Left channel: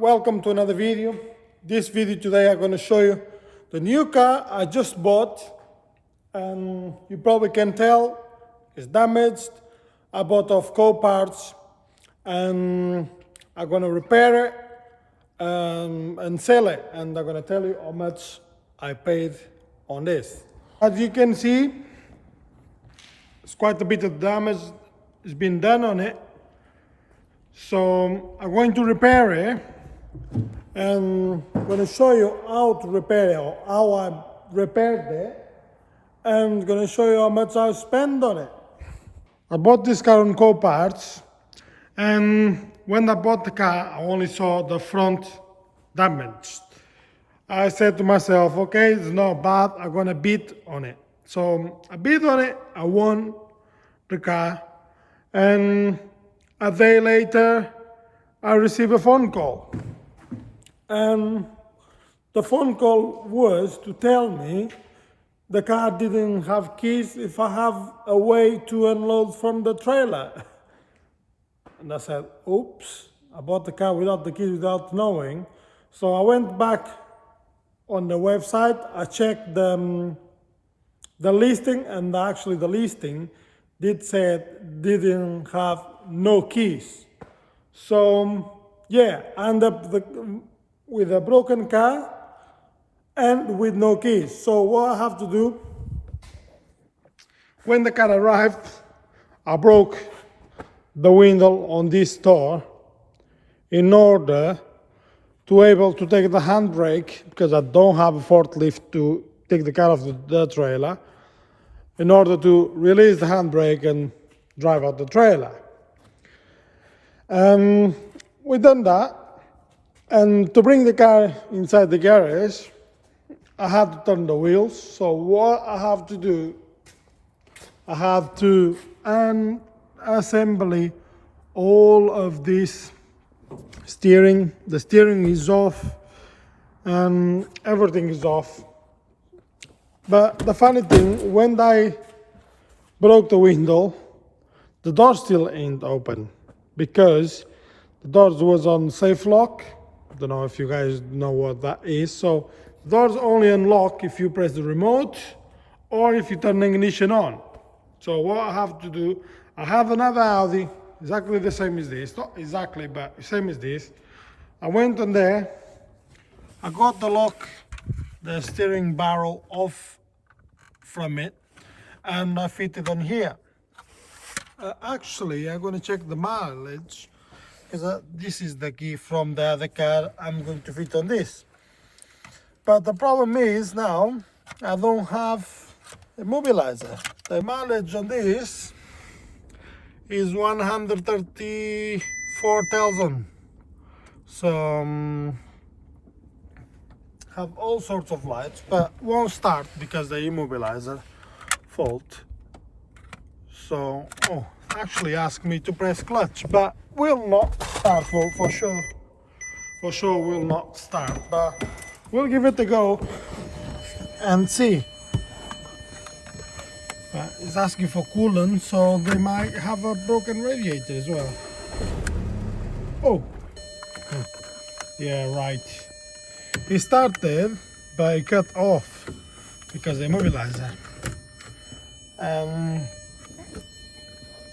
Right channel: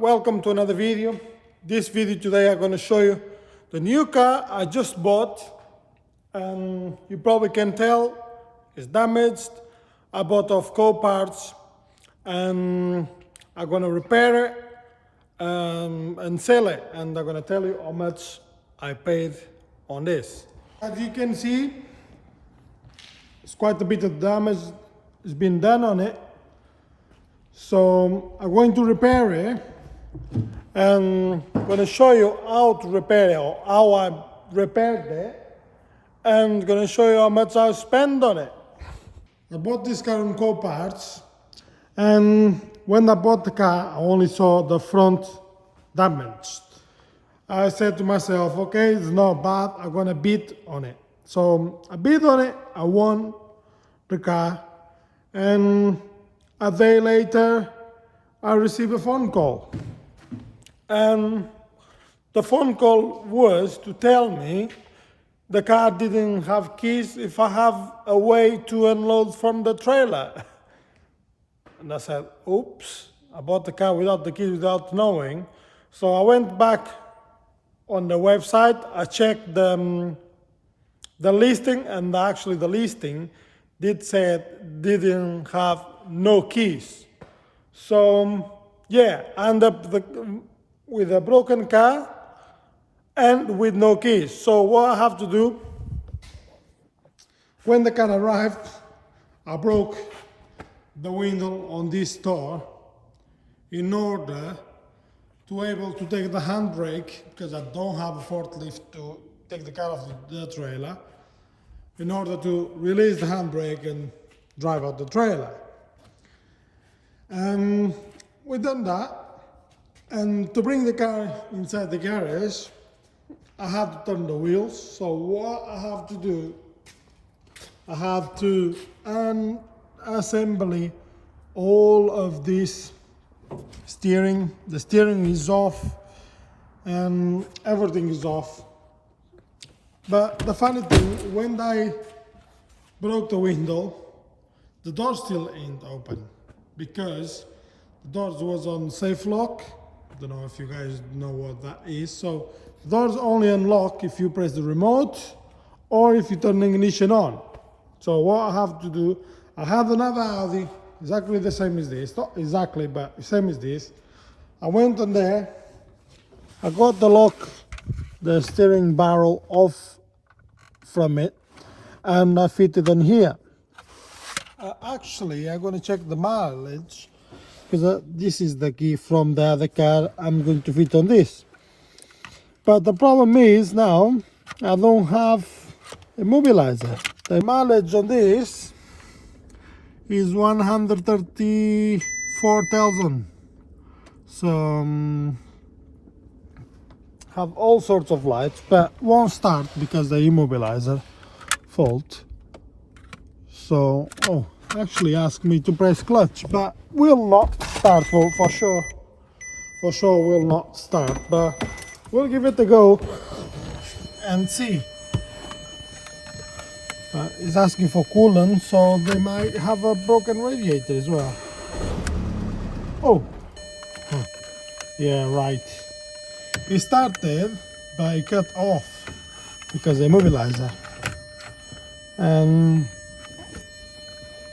Welcome to another video. This video today I'm going to show you the new car I just bought, and you probably can tell it's damaged. I bought off co-parts and I'm going to repair it and sell it, and I'm going to tell you how much I paid on this. As you can see, it's quite a bit of damage has been done on it. So I'm going to repair it, and I'm going to show you how to repair it, or how I repaired it, and I'm going to show you how much I spent on it. I bought this car on co-parts, and when I bought the car, I only saw the front damaged. I said to myself, okay, it's not bad, I'm going to bid on it. So I bid on it, I won the car, and a day later, I received a phone call. And the phone call was to tell me the car didn't have keys, if I have a way to unload from the trailer. And I said, oops, I bought the car without the keys, without knowing. So I went back on the website, I checked the listing, and actually the listing didn't have no keys. So yeah, I ended up with a broken car and with no keys. So what I have to do, when the car arrived, I broke the window on this door in order to able to take the handbrake, because I don't have a forklift to take the car off the trailer, in order to release the handbrake and drive out the trailer. We done that, and to bring the car inside the garage, I had to turn the wheels. So what I have to do, I have to unassemble all of this steering. The steering is off, and everything is off. But the funny thing, when I broke the window, the door still ain't open, because the door was on safe lock. I don't know if you guys know what that is. So the doors only unlock if you press the remote or if you turn the ignition on. So what I have to do, I have another Audi, exactly the same as this. Not exactly, but the same as this. I went on there, I got the lock, the steering barrel off from it, and I fit it on here. Actually, I'm going to check the mileage, because this is the key from the other car. I'm going to fit on this. But the problem is now I don't have immobilizer. The mileage on this is 134,000. So have all sorts of lights, but won't start because the immobilizer fault. So actually asked me to press clutch, but will not start for sure. For sure will not start, but we'll give it a go and see. It's asking for coolant, so they might have a broken radiator as well. Oh, yeah, right. It started, but it cut off because the immobilizer, and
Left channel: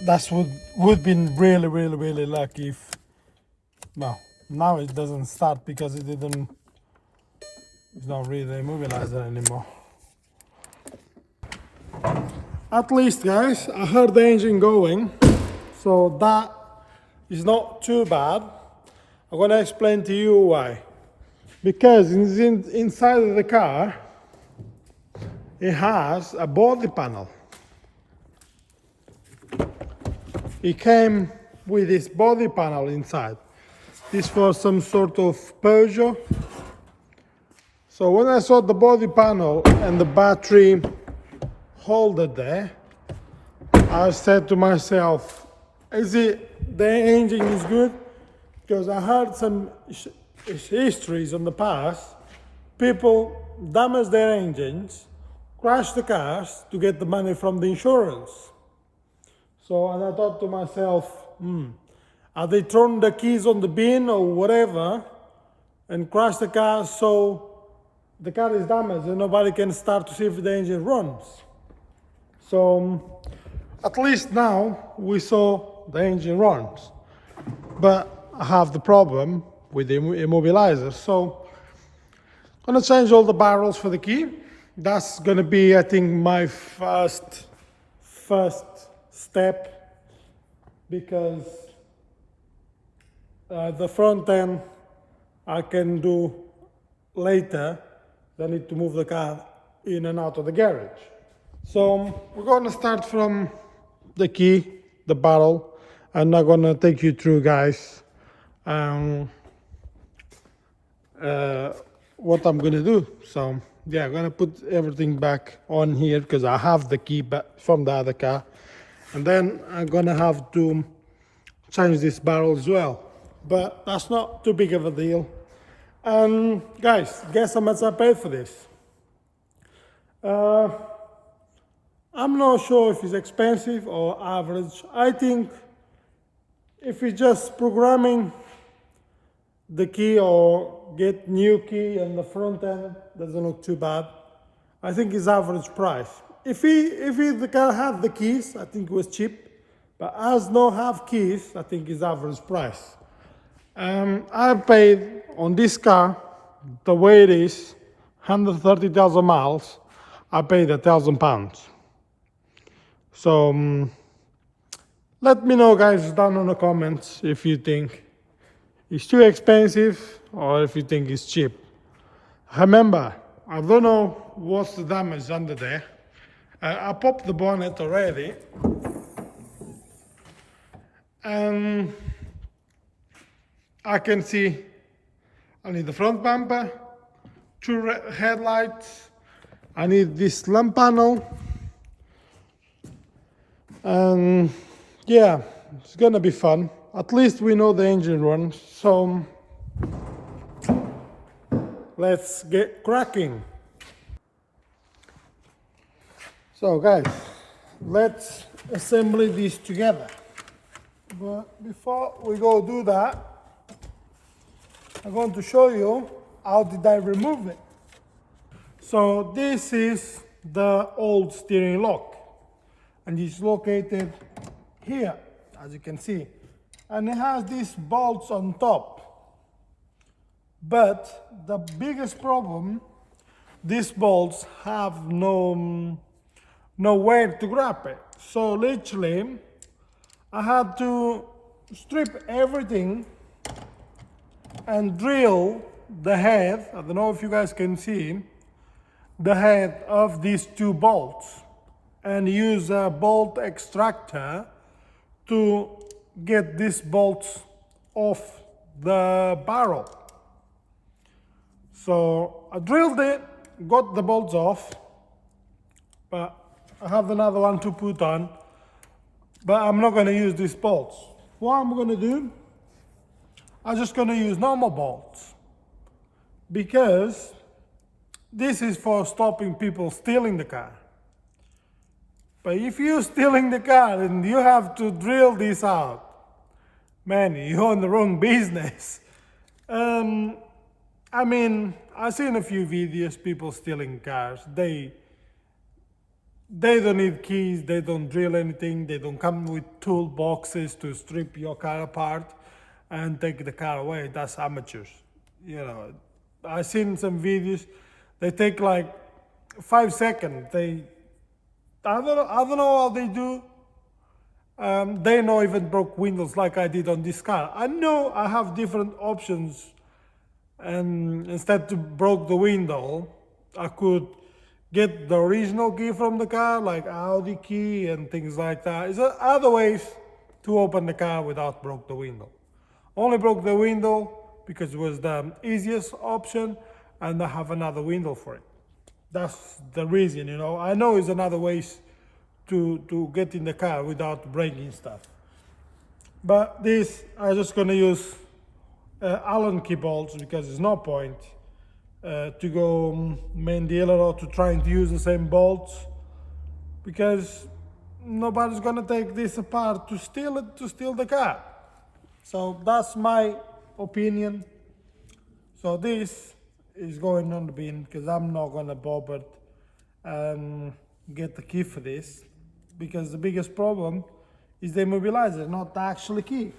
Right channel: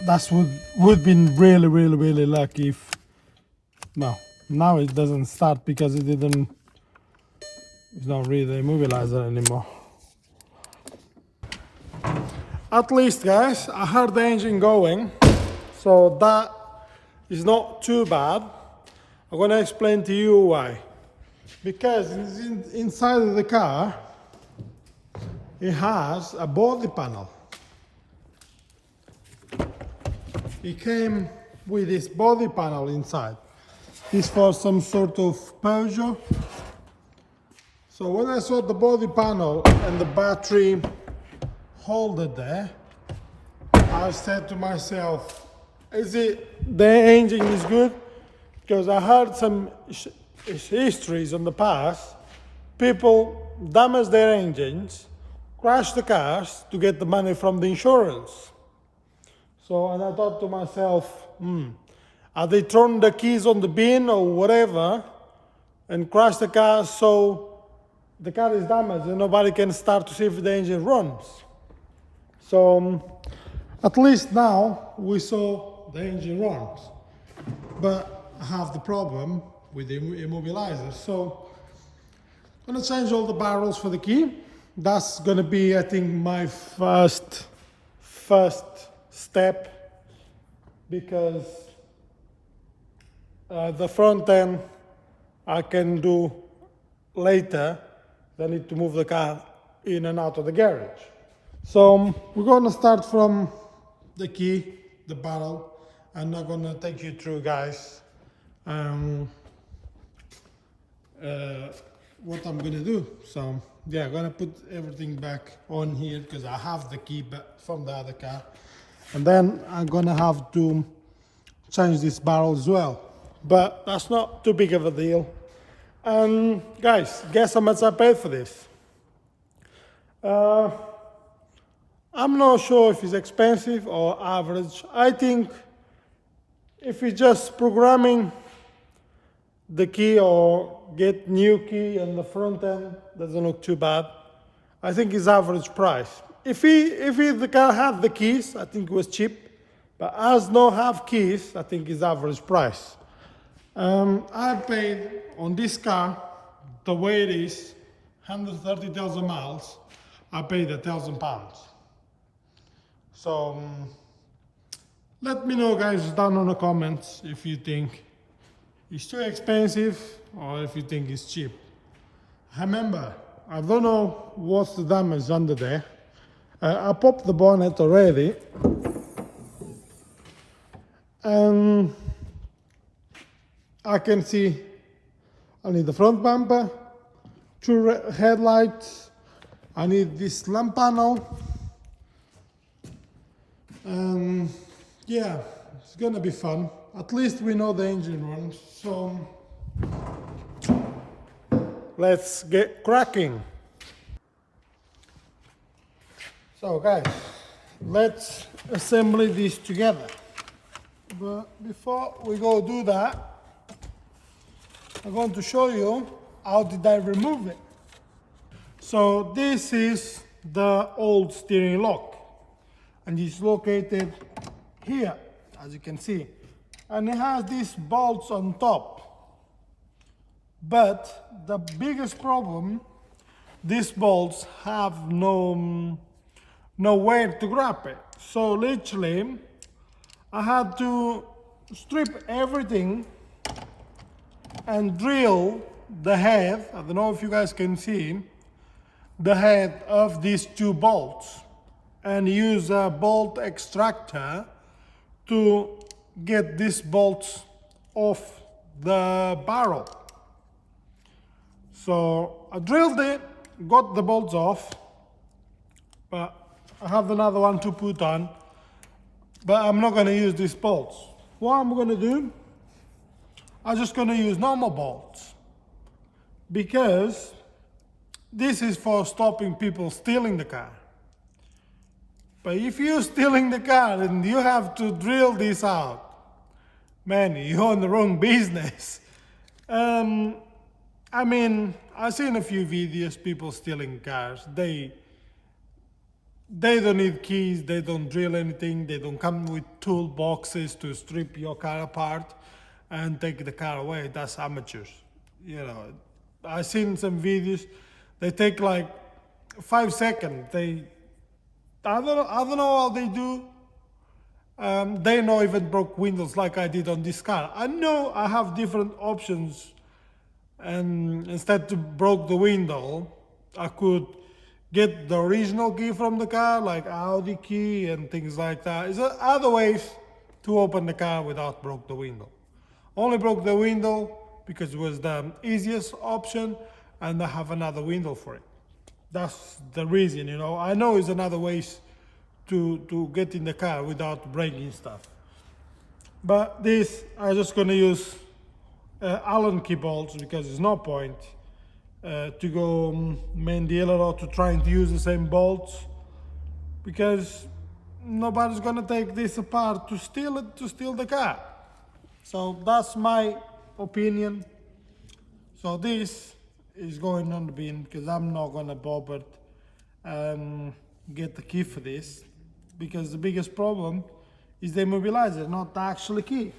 that's would been really lucky if now it doesn't start, because it's not really the immobilizer anymore. At least, guys, I heard the engine going, so that is not too bad. I'm gonna explain to you why. Because inside of the car, it has a body panel. It came with this body panel inside. This was some sort of Peugeot. So when I saw the body panel and the battery holder there, I said to myself, the engine is good? Because I heard some histories in the past, people damage their engines, crash the cars to get the money from the insurance. So, and I thought to myself, are they throwing the keys on the bin or whatever and crash the car, so the car is damaged and nobody can start to see if the engine runs. So at least now we saw the engine runs, but I have the problem with the immobilizer. So I'm gonna change all the barrels for the key. That's gonna be, I think, my first step, because the front end I can do later. I need to move the car in and out of the garage. So we're gonna start from the key, the barrel, and I'm gonna take you through, guys, what I'm gonna do. So yeah, I'm gonna put everything back on here because I have the key back from the other car, and then I'm gonna have to change this barrel as well, but that's not too big of a deal. Guys, guess how much I paid for this? I'm not sure if it's expensive or average. I think if it's just programming the key or get new key and the front end, doesn't look too bad. I think it's average price. If the car had the keys, I think it was cheap. But as no have keys, I think it's average price. I paid on this car, the way it is, 130,000 miles, I paid £1,000. So let me know, guys, down in the comments if you think it's too expensive or if you think it's cheap. Remember, I don't know what's the damage under there. I popped the bonnet already. And I can see I need the front bumper, 2 headlights, I need this lamp panel, and yeah, it's gonna be fun. At least we know the engine runs, so let's get cracking. So guys, let's assemble this together. But before we go do that, I'm going to show you how did I remove it. So this is the old steering lock, and it's located here, as you can see, and it has these bolts on top. But the biggest problem, these bolts have nowhere to grab it. So literally, I had to strip everything and drill the head, I don't know if you guys can see, the head of these 2 bolts, and use a bolt extractor to get these bolts off the barrel. So I drilled it, got the bolts off, but I have another one to put on, but I'm not going to use these bolts. What I'm going to do, I'm just going to use normal bolts, because this is for stopping people stealing the car. But if you're stealing the car and you have to drill this out, man, you're in the wrong business. I mean, I've seen a few videos, people stealing cars. They don't need keys, they don't drill anything, they don't come with toolboxes to strip your car apart and take the car away. That's amateurs. You know, I've seen some videos, they take like 5 seconds. I don't know how they do. They not even broke windows like I did on this car. I know I have different options, and instead to broke the window, I could get the original key from the car, like AUDI key and things like that. There's other ways to open the car without broke the window. Only broke the window because it was the easiest option, and I have another window for it. That's the reason, you know. I know there's another ways to get in the car without breaking stuff. But this, I'm just gonna use Allen key bolts, because there's no point to go main dealer or to trying to use the same bolts, because nobody's gonna take this apart to steal the car. So that's my opinion. So this is going on the bin because I'm not gonna bother get the key for this, because the biggest problem is the immobilizer, not the actual key.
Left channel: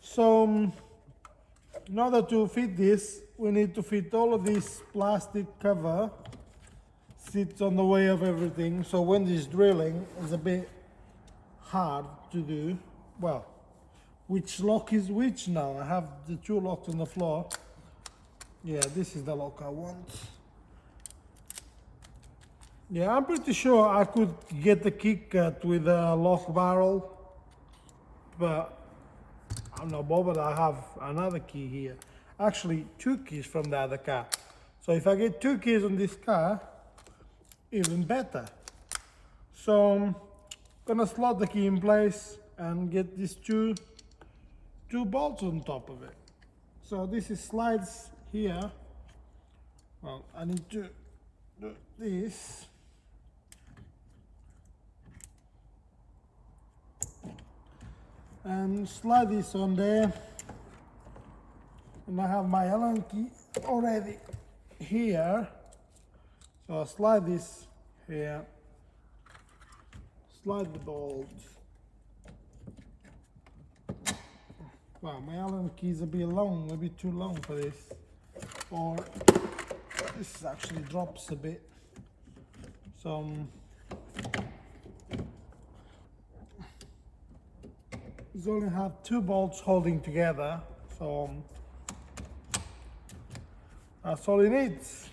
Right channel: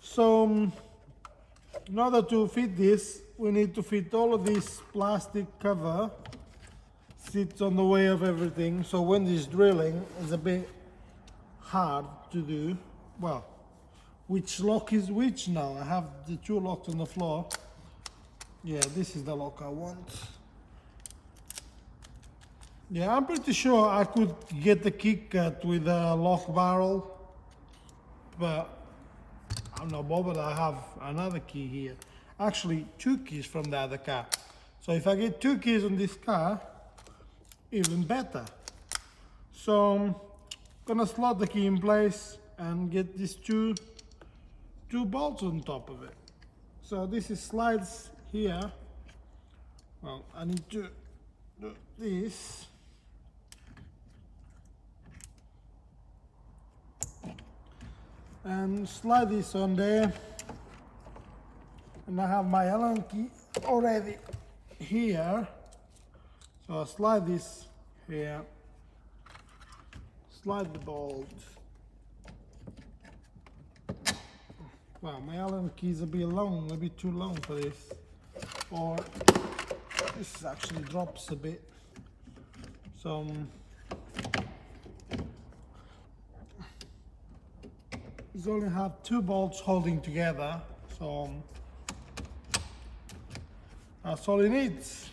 So in order to fit this, we need to fit all of this plastic cover, sits on the way of everything, so when this drilling is a bit hard to do. Well, which lock is which now? I have the two locks on the floor. Yeah, this is the lock I want. Yeah, I'm pretty sure I could get the key cut with a lock barrel, but I'm not bothered. I have another key here. Actually, two keys from the other car. So if I get two keys on this car, even better. So I'm gonna slot the key in place and get these two bolts on top of it. So this is slides here. Well, I need to do this. And slide this on there, and I have my Allen key already here, so I'll slide this here, slide the bolt. Wow, my Allen key is a bit long, a bit too long for this, or this actually drops a bit, so you only have two bolts holding together, so that's all it needs.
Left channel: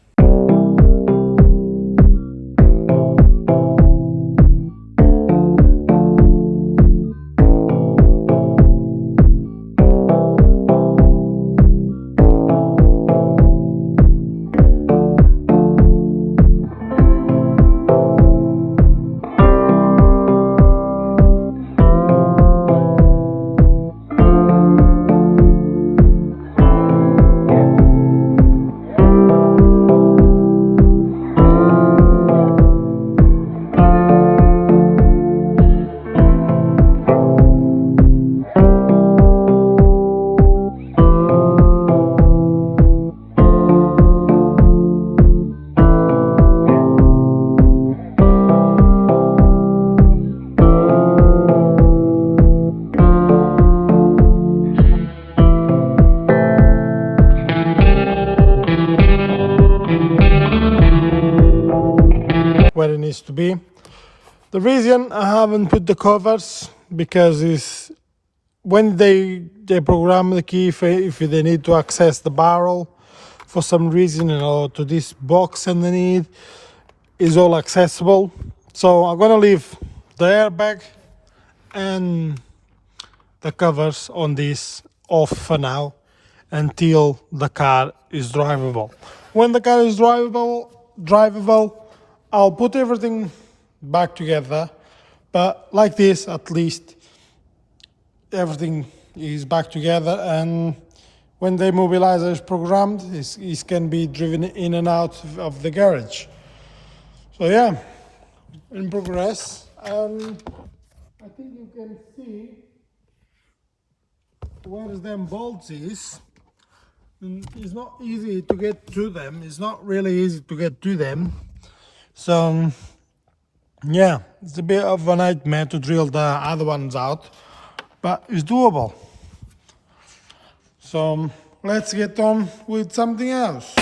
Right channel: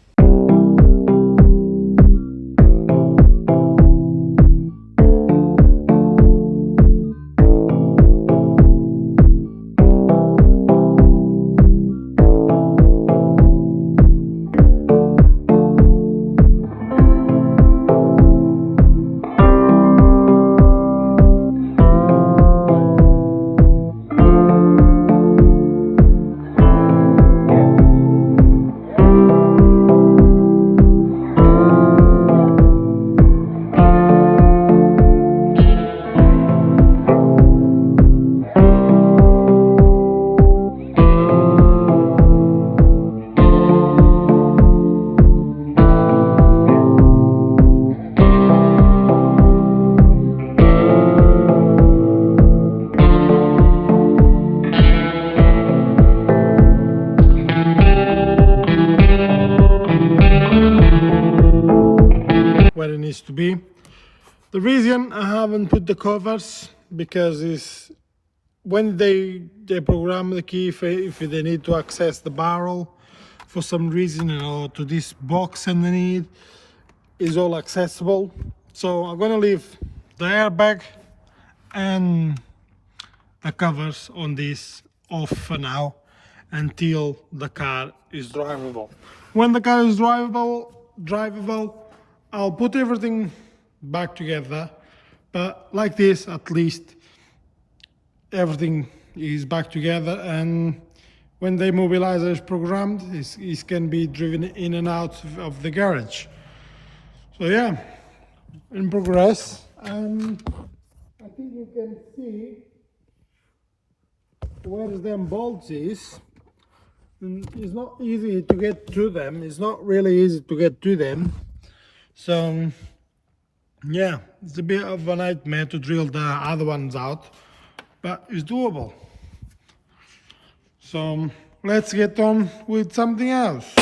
Where it needs to be. The reason I haven't put the covers, because is when they program the key, if they need to access the barrel for some reason, to this box underneath is all accessible. So I'm gonna leave the airbag and the covers on this off for now until the car is drivable. When the car is drivable, I'll put everything back together, but like this, at least everything is back together, and when the immobilizer is programmed, it can be driven in and out of the garage. So yeah, in progress, and I think you can see where them bolts is. It's not easy to get to them. It's not really easy to get to them. So yeah, it's a bit of a nightmare to drill the other ones out, but it's doable. So let's get on with something else.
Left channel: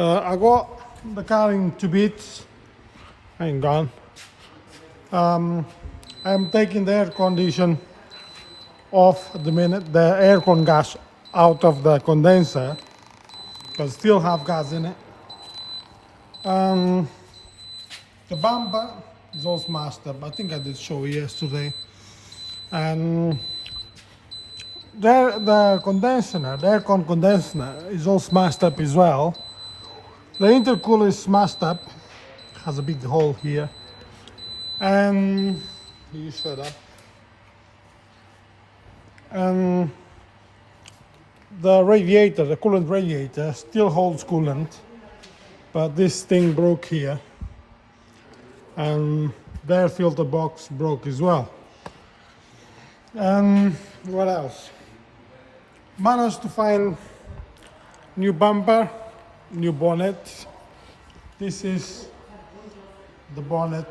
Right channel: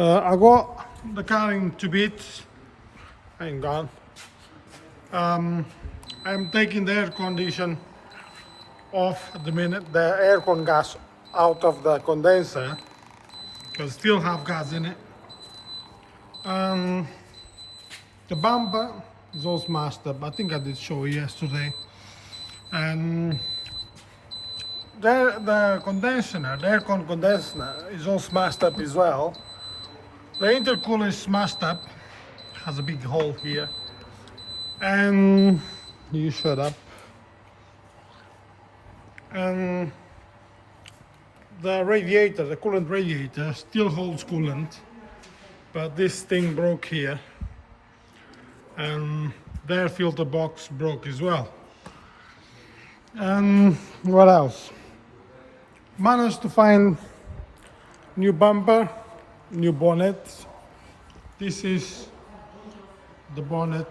I got the car in 2 bits. Hang on. I'm taking the air condition off at the minute, the aircon gas out of the condenser because still have gas in it. The bumper is all smashed up. I think I did show you yesterday. And the condenser, the aircon condenser is all smashed up as well. The intercooler is smashed up, has a big hole here. And you shut up. And the radiator, the coolant radiator, still holds coolant, but this thing broke here. And the air filter box broke as well. And what else? Managed to find new bumper, new bonnet. This is the bonnet.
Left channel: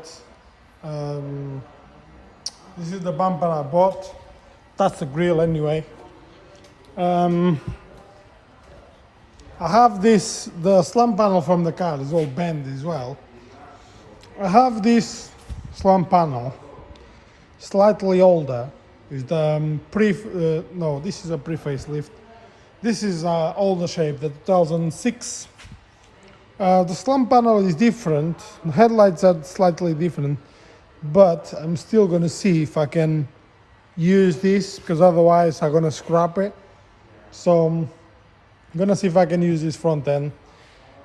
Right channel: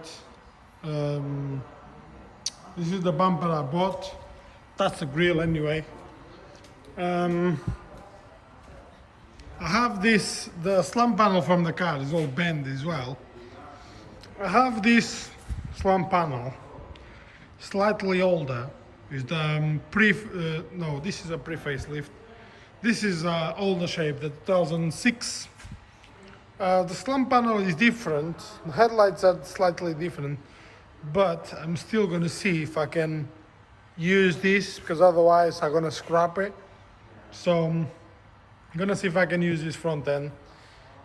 This is the bumper I bought. That's the grill anyway. I have this, the slump panel from the car is all bent as well. I have this slump panel, slightly older. Is the no, this is a pre-facelift. This is older shape, the 2006. The slump panel is different. The headlights are slightly different, but I'm still gonna see if I can use this because otherwise I'm gonna scrap it. So I'm gonna see if I can use this front end.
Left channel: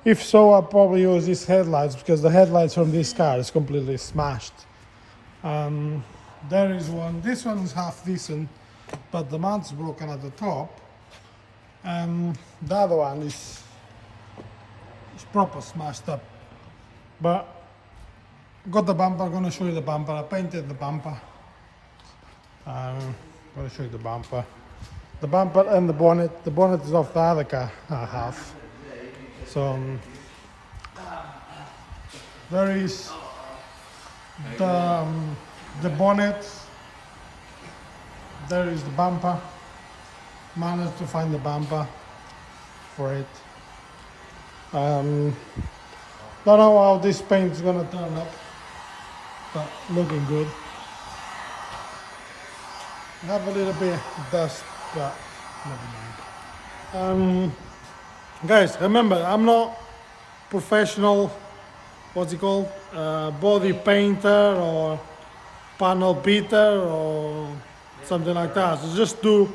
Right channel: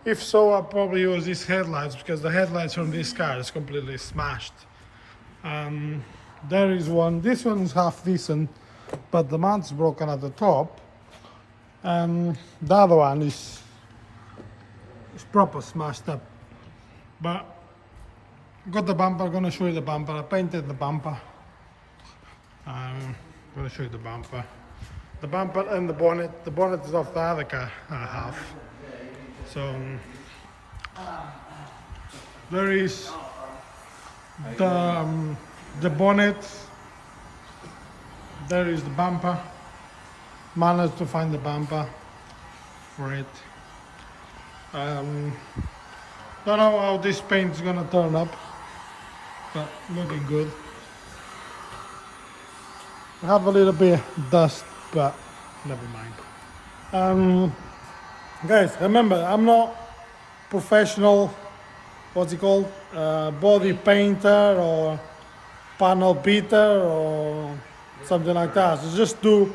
If so, I'll probably use these headlights because the headlights from this car is completely smashed. There is one. This one is half decent, but the mount's broken at the top. The other one is proper smashed up. But got the bumper. Gonna show you the bumper. I painted the bumper. Gonna show you the bumper. The bumper and the bonnet. The bonnet is off the other car I have. So there is the bonnet, there is the bumper. Managed to find the bumper for it. Don't know how this paint is gonna turn up, but looking good. I have a little bit of dust, but never mind. Guys, remember, I'm not professional, what's it called, body painter or panel beater or something like that. So just do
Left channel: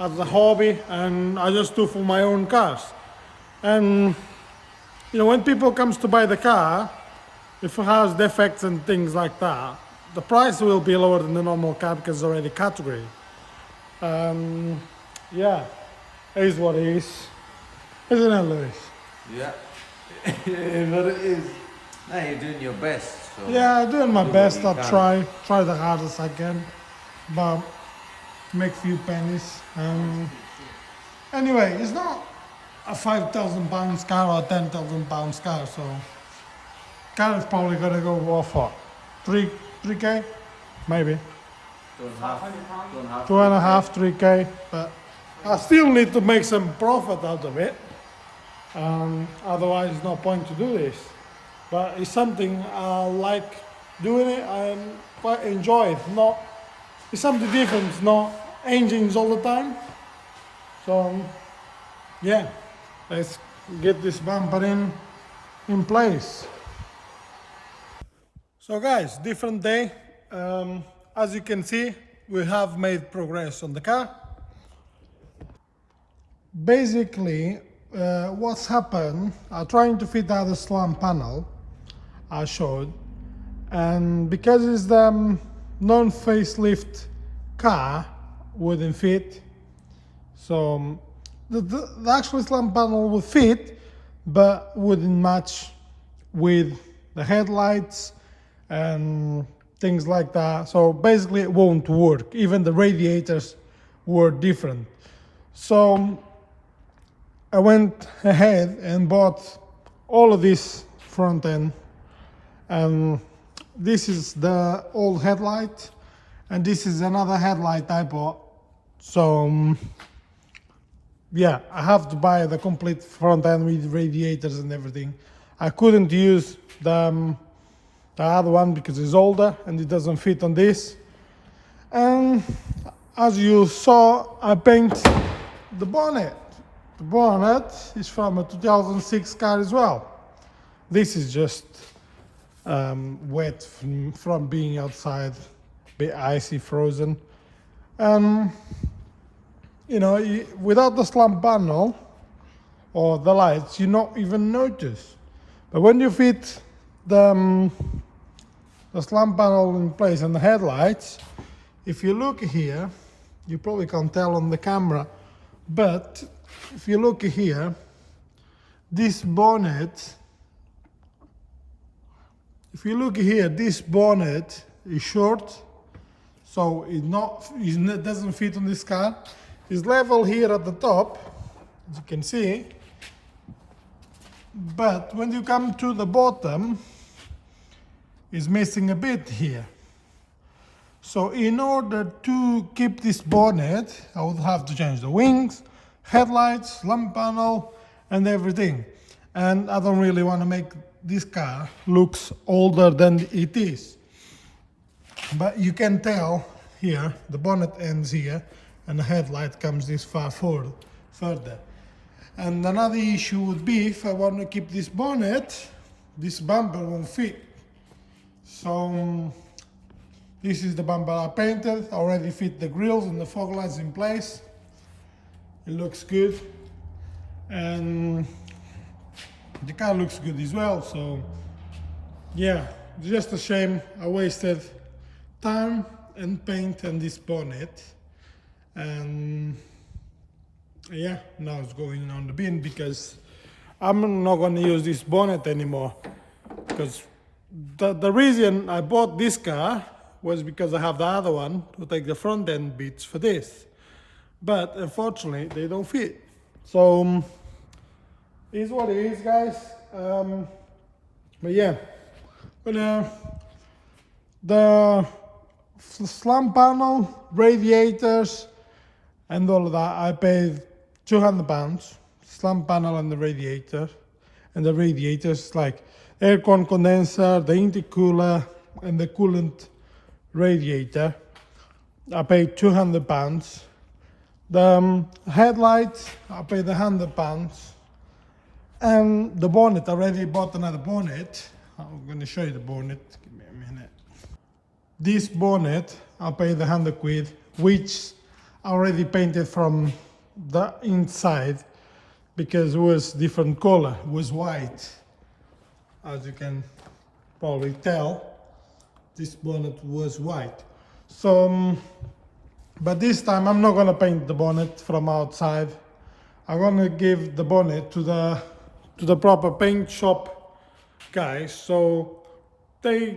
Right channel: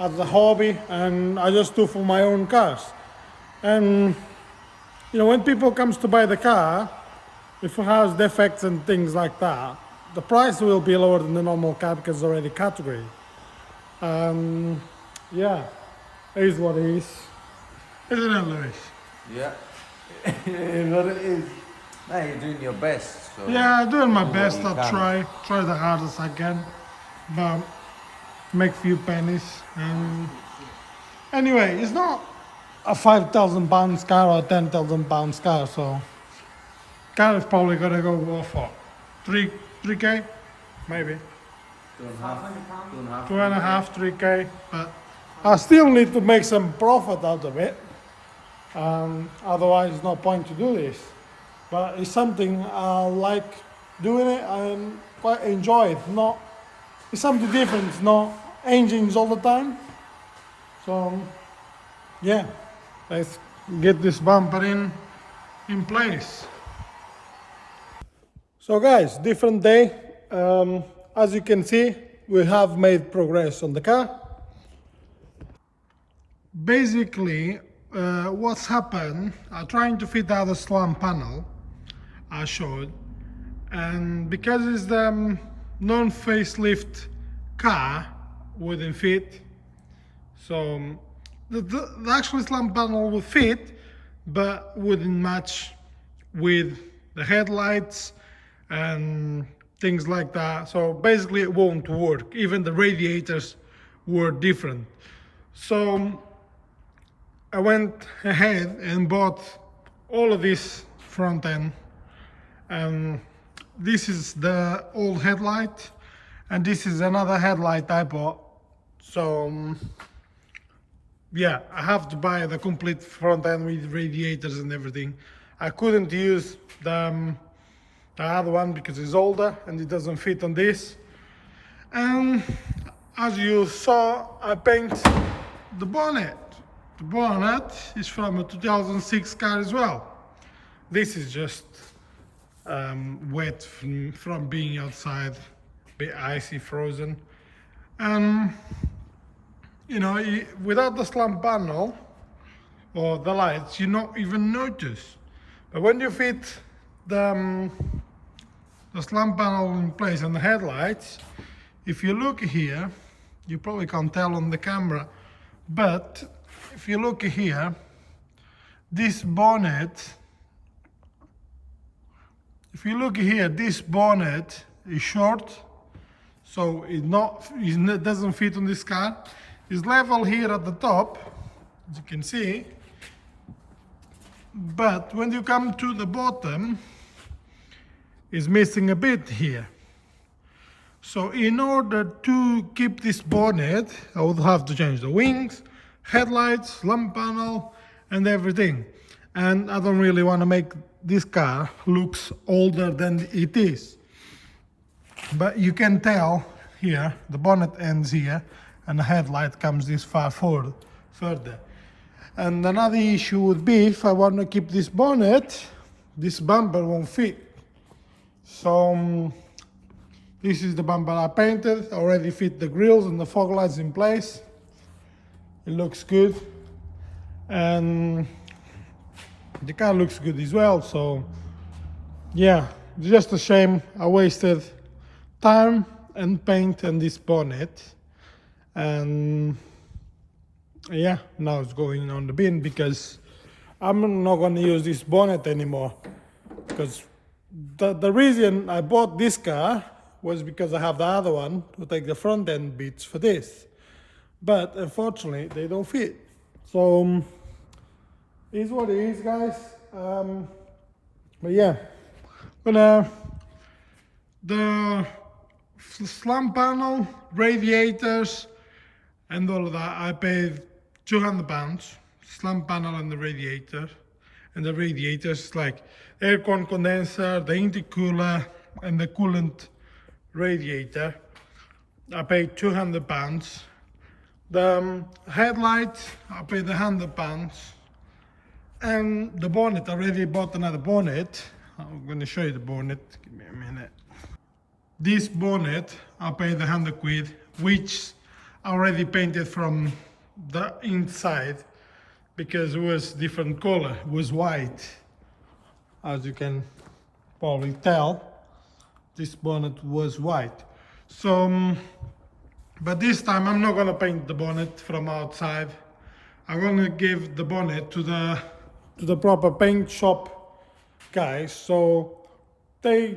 as a hobby, and I just do for my own cars. And you know, when people comes to buy the car, if it has defects and things like that, the price will be lower than the normal car because it's already category. Yeah, it is what it is. Isn't it, Louis? Yeah, but it is. No, you're doing your best. So Yeah, I'm doing my best. I'll try the hardest I can, but make few pennies. Anyway, it's not a £5,000 car or a £10,000 car, so car is probably gonna go off for 3K, maybe 2.5, 3K, but I still need to make some profit out of it. Otherwise, no point to do this. But it's something I like doing it. I quite enjoy it. It's something different. It's not engines all the time. So yeah, let's get this bumper in place. So guys, different day. As you can see, we have made progress on the car. Basically, what's happened, I'm trying to fit the other slump panel I showed, and because it's the non-facelift car, wouldn't fit. So the actual slump panel would fit, but wouldn't match with the headlights and things like that. So basically it won't work. Even the radiators were different. So I went ahead and bought all of this front end. This is the old headlight, and this is another headlight I bought. So yeah, I have to buy the complete front end with radiators and everything. I couldn't use the other one because it's older and it doesn't fit on this. And as you saw, I paint the bonnet. The bonnet is from a 2006 car as well. This is just wet from being outside, a bit icy, frozen. And you know, without the slump panel or the lights, you not even notice. But when you fit the slump panel in place and the headlights, if you look here, you probably can't tell on the camera, but if you look here, this bonnet, if you look here, this bonnet is short, so it doesn't fit on this car. It's level here at the top, as you can see, but when you come to the bottom, it's missing a bit here. So in order to keep this bonnet, I would have to change the wings, headlights, lamp panel, and everything. And I don't really want to make this car looks older than it is. But you can tell here, the bonnet ends here, and the headlight comes this far further. And another issue would be, if I want to keep this bonnet, this bumper won't fit. So this is the bumper I painted, already fit the grills and the fog lights in place. It looks good, and the car looks good as well. So yeah, it's just a shame I wasted time and paint on this bonnet, and yeah, now it's going on the bin because I'm not going to use this bonnet anymore. Because the reason I bought this car was because I have the other one to take the front end bits for this, but unfortunately they don't fit. So it's what it is, guys. But yeah, the slump panel, radiators, and all of that, I paid £200. Slump panel and the radiator, and the radiators like aircon condenser, the intercooler, and the coolant radiator. I paid £200. The headlights, I paid £100. And the bonnet, I already bought another bonnet. I'm going to show you the bonnet. Give me a minute. This bonnet, I paid £100, which I already painted from the inside because it was different color. It was white, as you can probably tell. This bonnet was white. So, but this time I'm not gonna paint the bonnet from outside. I'm gonna give the bonnet to the proper paint shop guys. So they,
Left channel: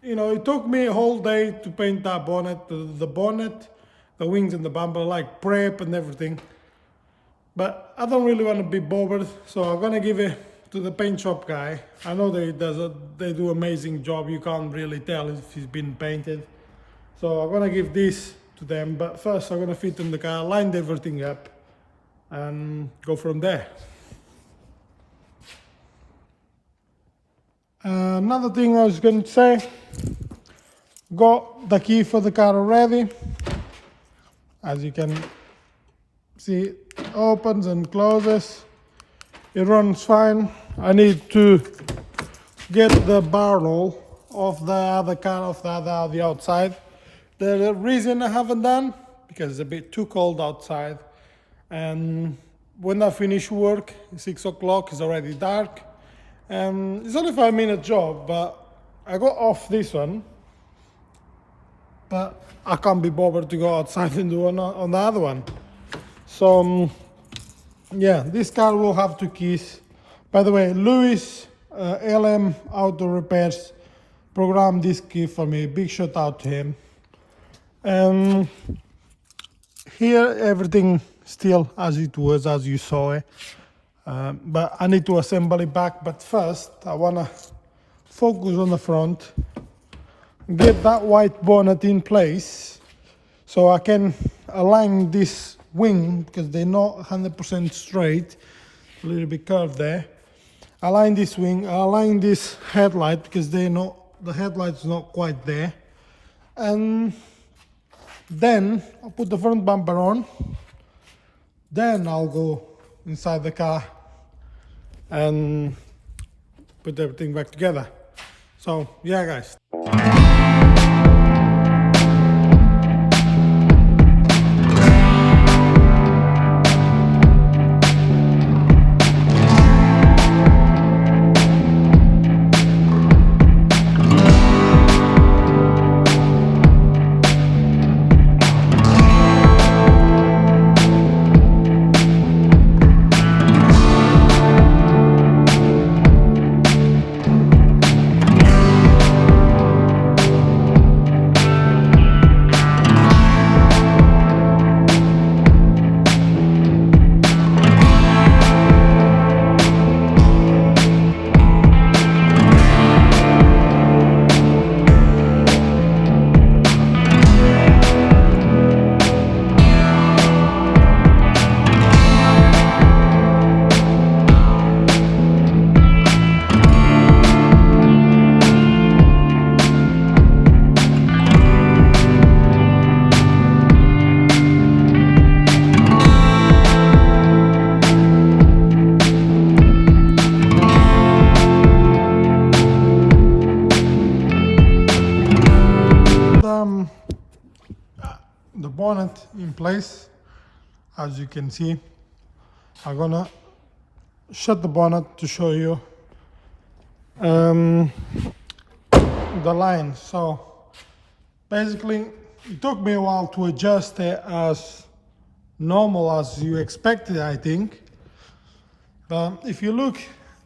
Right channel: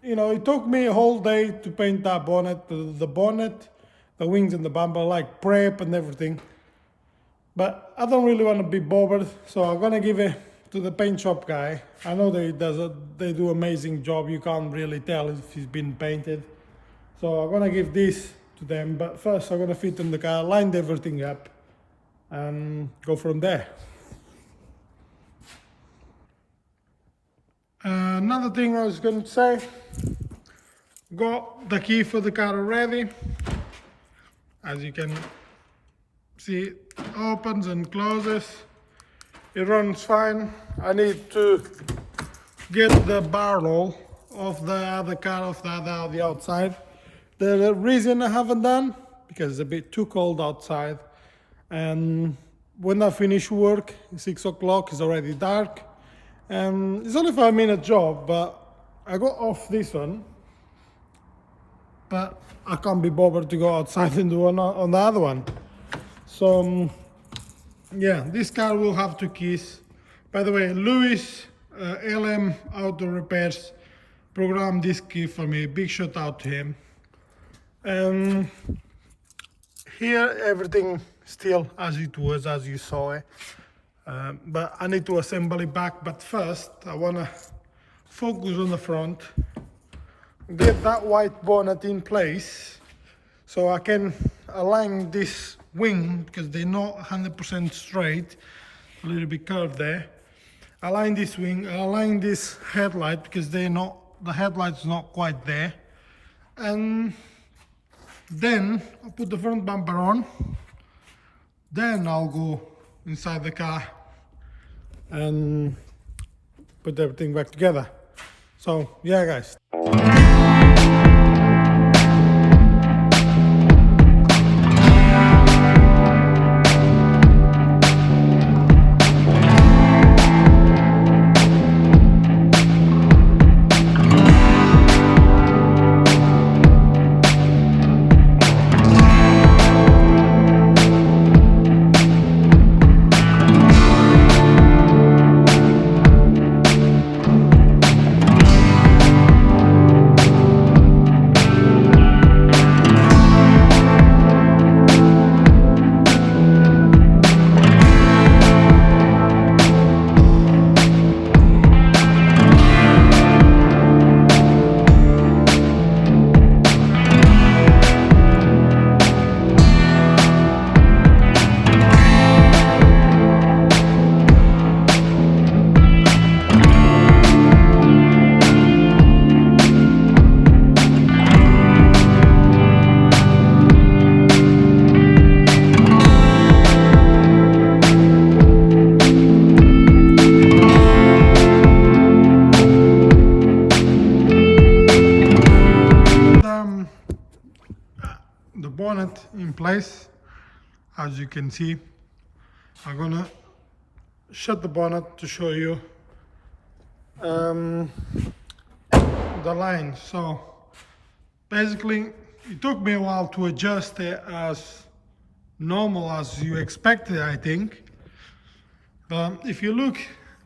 you know, it took me a whole day to paint that bonnet, the bonnet, the wings and the bumper, like prep and everything. But I don't really want to be bothered, so I'm gonna give it to the paint shop guy. I know they do amazing job. You can't really tell if it's been painted. So I'm gonna give this to them, but first I'm gonna fit in the car, line everything up, and go from there. Another thing I was going to say, got the key for the car already. As you can see, it opens and closes. It runs fine. I need to get the barrel of the other car, of the other Audi outside. The reason I haven't done, because it's a bit too cold outside, and when I finish work, 6 o'clock, it's already dark. It's only a 5-minute job, but I got off this one, but I can't be bothered to go outside and do on the other one. So yeah, this car will have 2 keys. By the way, Louis LM Auto Repairs programmed this key for me. Big shout out to him. Here everything still as it was, as you saw it. But I need to assemble it back. But first, I wanna focus on the front, get that white bonnet in place, so I can align this wing because they're not 100% straight, a little bit curved there. Align this wing, align this headlight because the headlight's not quite there, and then I'll put the front bumper on. Then I'll go inside the car and put everything back together. So yeah, guys. The bonnet in place, as you can see. I'm gonna shut the bonnet to show you the line. So basically it took me a while to adjust it as normal as you expected, I think. If you look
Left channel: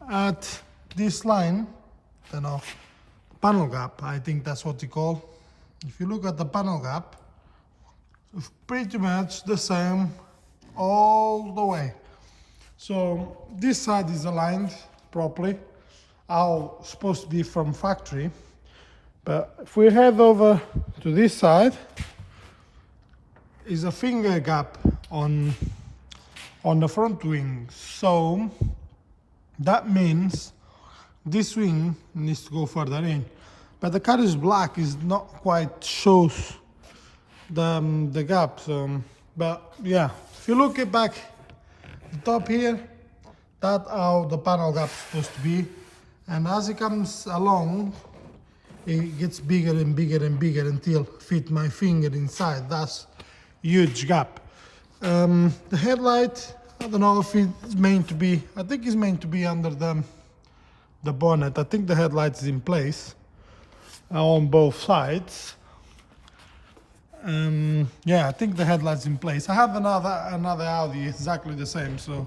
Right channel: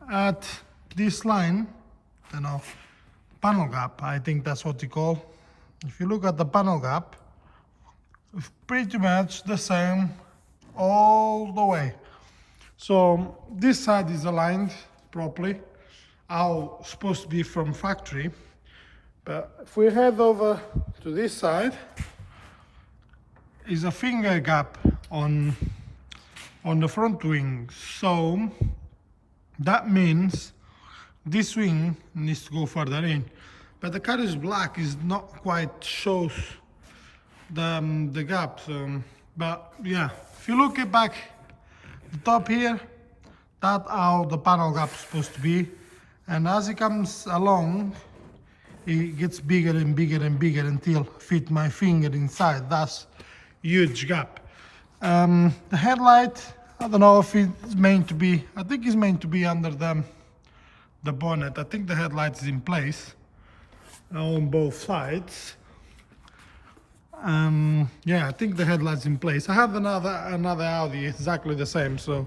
at this line, you know, panel gap, I think that's what you call. If you look at the panel gap, it's pretty much the same all the way. So this side is aligned properly, how it's supposed to be from factory. But if we head over to this side, is a finger gap on the front wing. So that means this wing needs to go further in. But the car is black, is not quite shows the gap. But yeah, if you look at back the top here, that's how the panel gap is supposed to be. And as it comes along, it gets bigger and bigger and bigger until fit my finger inside. That's huge gap. The headlight, I don't know if it's meant to be, I think it's meant to be under the bonnet. I think the headlight is in place on both sides. Yeah, I think the headlight's in place. I have another Audi exactly the same, so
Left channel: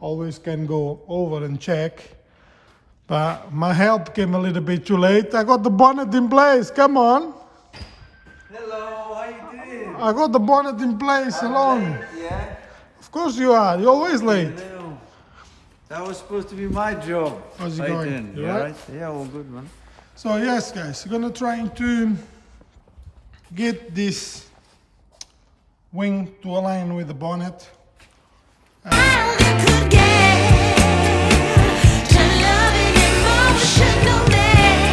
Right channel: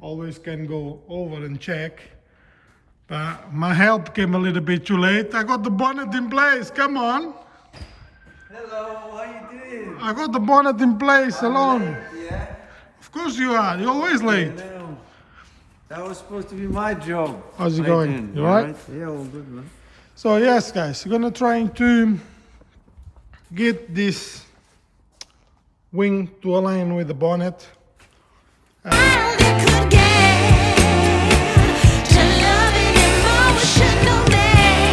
always can go over and check. But my help came a little bit too late. I got the bonnet in place. Come on. Hello, how you doing? I got the bonnet in place alone. Yeah? Of course you are. You're always late. Hello. That was supposed to be my job. How's it How going? you doing? You You all alright? Yeah, all good, man. So yes, guys, we're gonna try to get this wing to align with the bonnet. How they could get to loving emotional mess.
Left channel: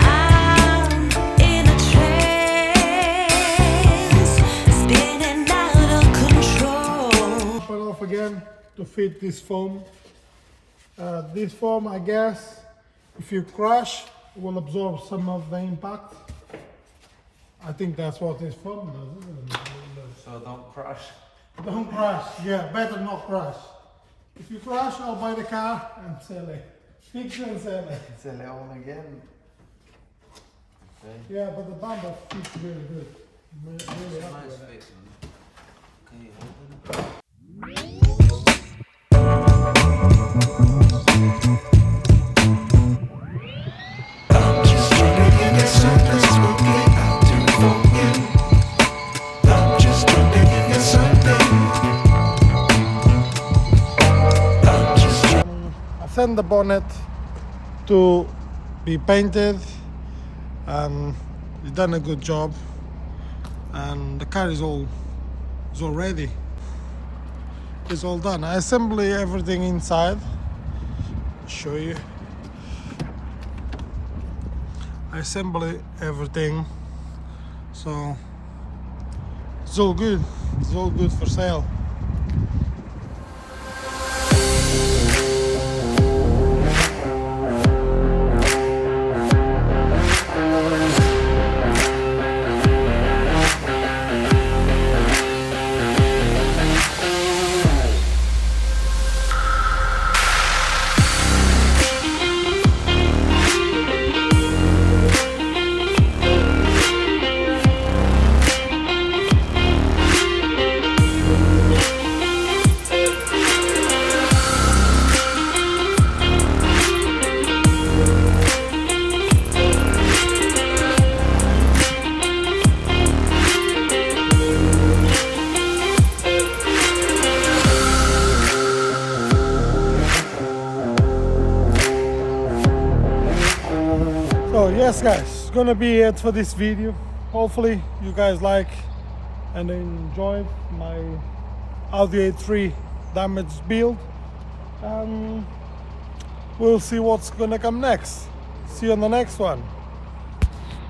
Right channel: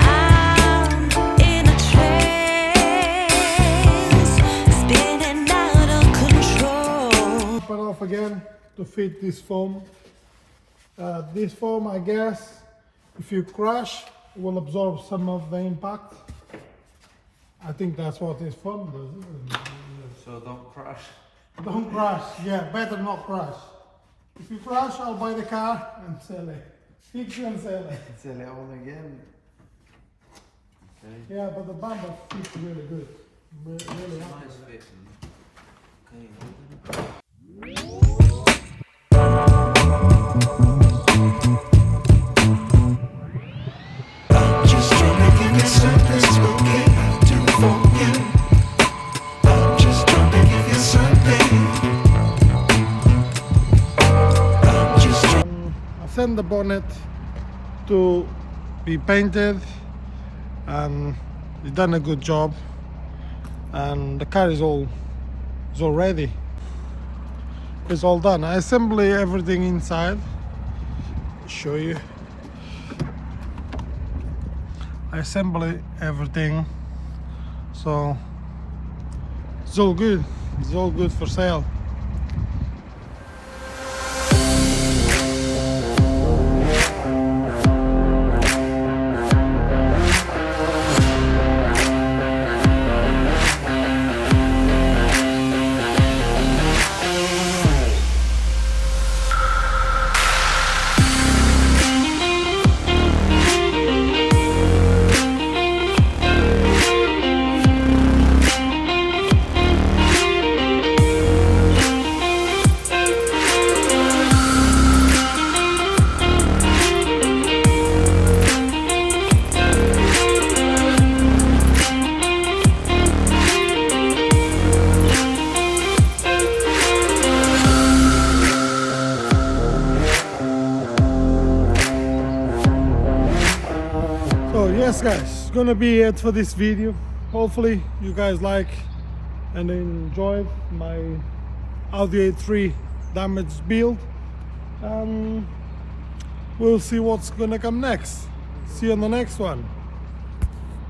I'm in a trance, spinning out of control. Put off again to fit this foam. This foam, I guess, if you crash, will absorb some of the impact. I think that's what this foam does, isn't it? So don't crash. Don't crash. Yeah, better not crash. If you crash, I'll buy the car and sell it. Fix it and sell it. Sell it on again. Okay. Yeah, but the bumper fits really good. Really happy Nice with it. fit, man. Okay, open it. Just wondering if there's something spooky I'll do for you. I'm just wondering if there's something. I'm just I sent the bonnet to be painted. He's done a good job, and the car is all ready. It's all done. I assemble everything inside. Show you. I assemble everything, so it's all good. It's all good for sale. So yes guys, it's gonna be it for this video. Hopefully you guys like and enjoyed my Audi A3 damaged build, and we'll see what's gonna come next. See you on the next one.